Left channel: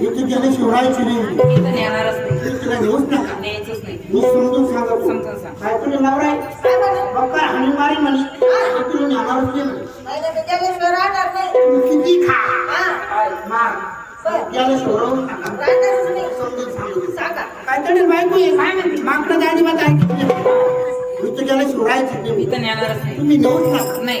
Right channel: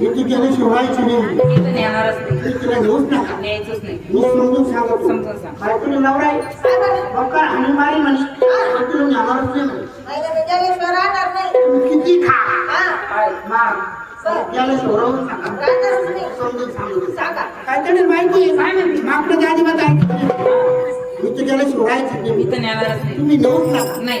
इथे गेले शिवरायची तिला नेऊच नका. मी समजून सांगत. काय तुझी नवरा आहे? बक्कर हानी मारी म्हणे तुला नेणारच नाही म्हणे. तू किती खा. मार. समजून सांगतो. काय तरी त्या गेले शिवरायची तुम्ही नका. नाही.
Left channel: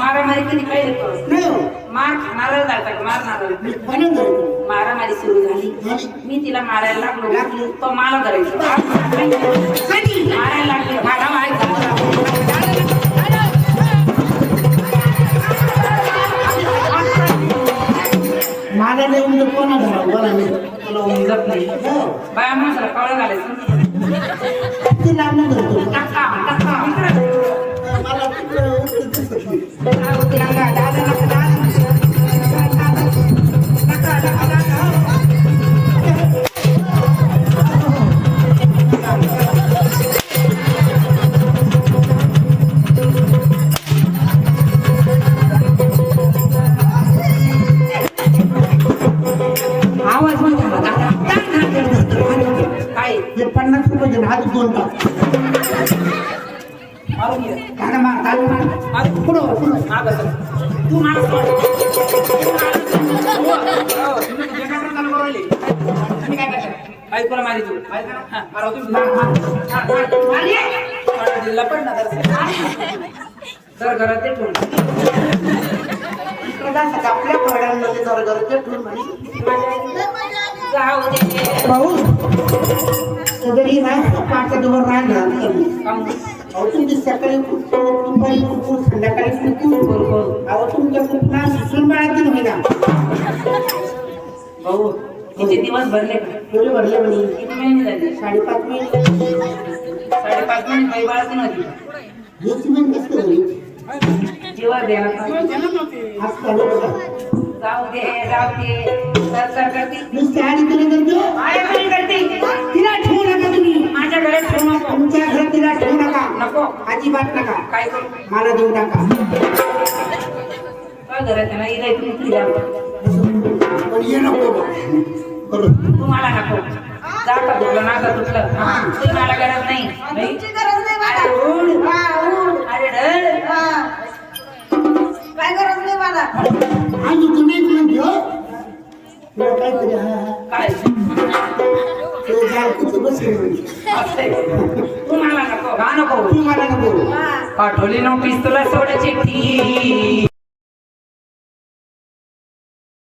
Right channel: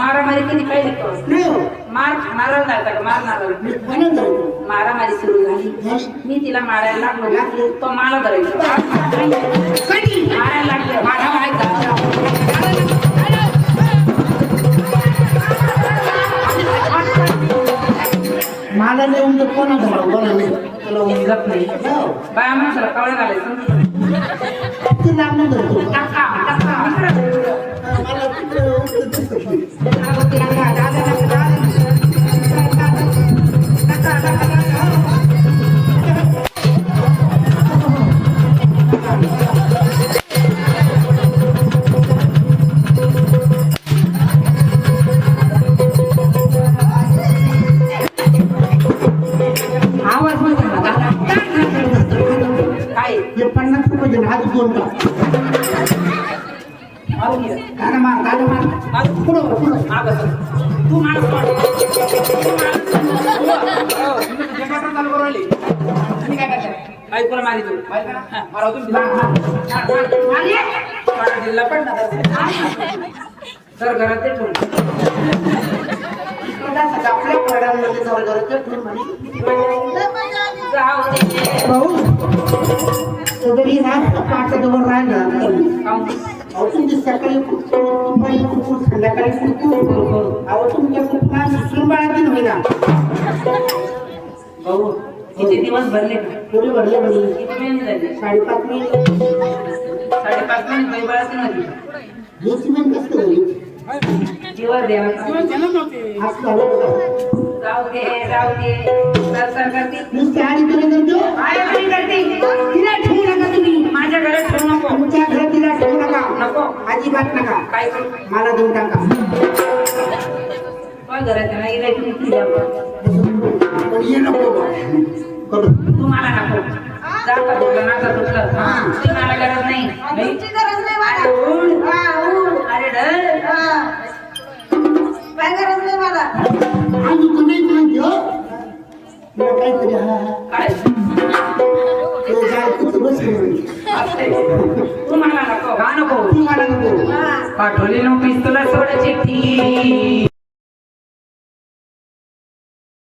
मारामारी कधी काय देतो नाही. मार खाणारच जातात का मारणार मी कोणाला धरतो मारामारी सुरू झाली. मी तिला मारायला लागलो. लागलो? तो मला धरायचं. कधी? मारायला लागले. मला माहीत मला नाही म्हणजे कोणा मी तुला उमजत नाही. बाया माणसाला कवळं घालायचं. तू नाही धरतो. रुपये मारून घे. मार, दादा मार. मार. पुढं पुढं हा बस. तू माणूस पड. तू माणूस हो. हो. तुम्ही चालू करू राहिले. तुम्ही काय करताय? बायकोला मारी तू. बायको ना? हा, मारा तुम्ही. मार, मार. मार, मार. मार ये. ना जर घरात ते ठेवून. इकडं आपल्या जरा जरा ते ठेवून म्हणे. जाऊ भाऊ, जरी ना आपल्या जवळ राहिला काहून? अहो तुमची सकाळी दुपारी कुकू, संध्याकाळी कुकू. अहो तुमच्या कुकूला सुसून बाळायची नव्हे ना भाऊ, किती दिवस भरले थोडी भरले म्हणे किती महिने झाले साडेपाच महिने साडेपाच महिने काही बाळच नव्हती हेच महिने कसं झाली जीवर द्यायला आज चालू. जाऊ दे जाऊ दे सर सर करते नुसते आणि तुला करतो करते घरात ठेवू नको. तुमच्या घरात तिला ठेवू नका. नको. अजिबात नका. काय करू? मला देऊ टाका माझ्या घरात आहे ना? इलाय तुम्ही फिरायला लावता. पण ये नको. करू. तुम्हाला नको. जा का तुटलं. ना का तुटलं तुम्हाला गरज नाही नाही? अरे डर आणि तुम्ही पण घेऊ तुला काहीतरी हा हा. काय? जाल किती बसले असते तुम्हाला नको गा नको तुम्हाला नको पाठवली नोटीस तुला सोडायची ठी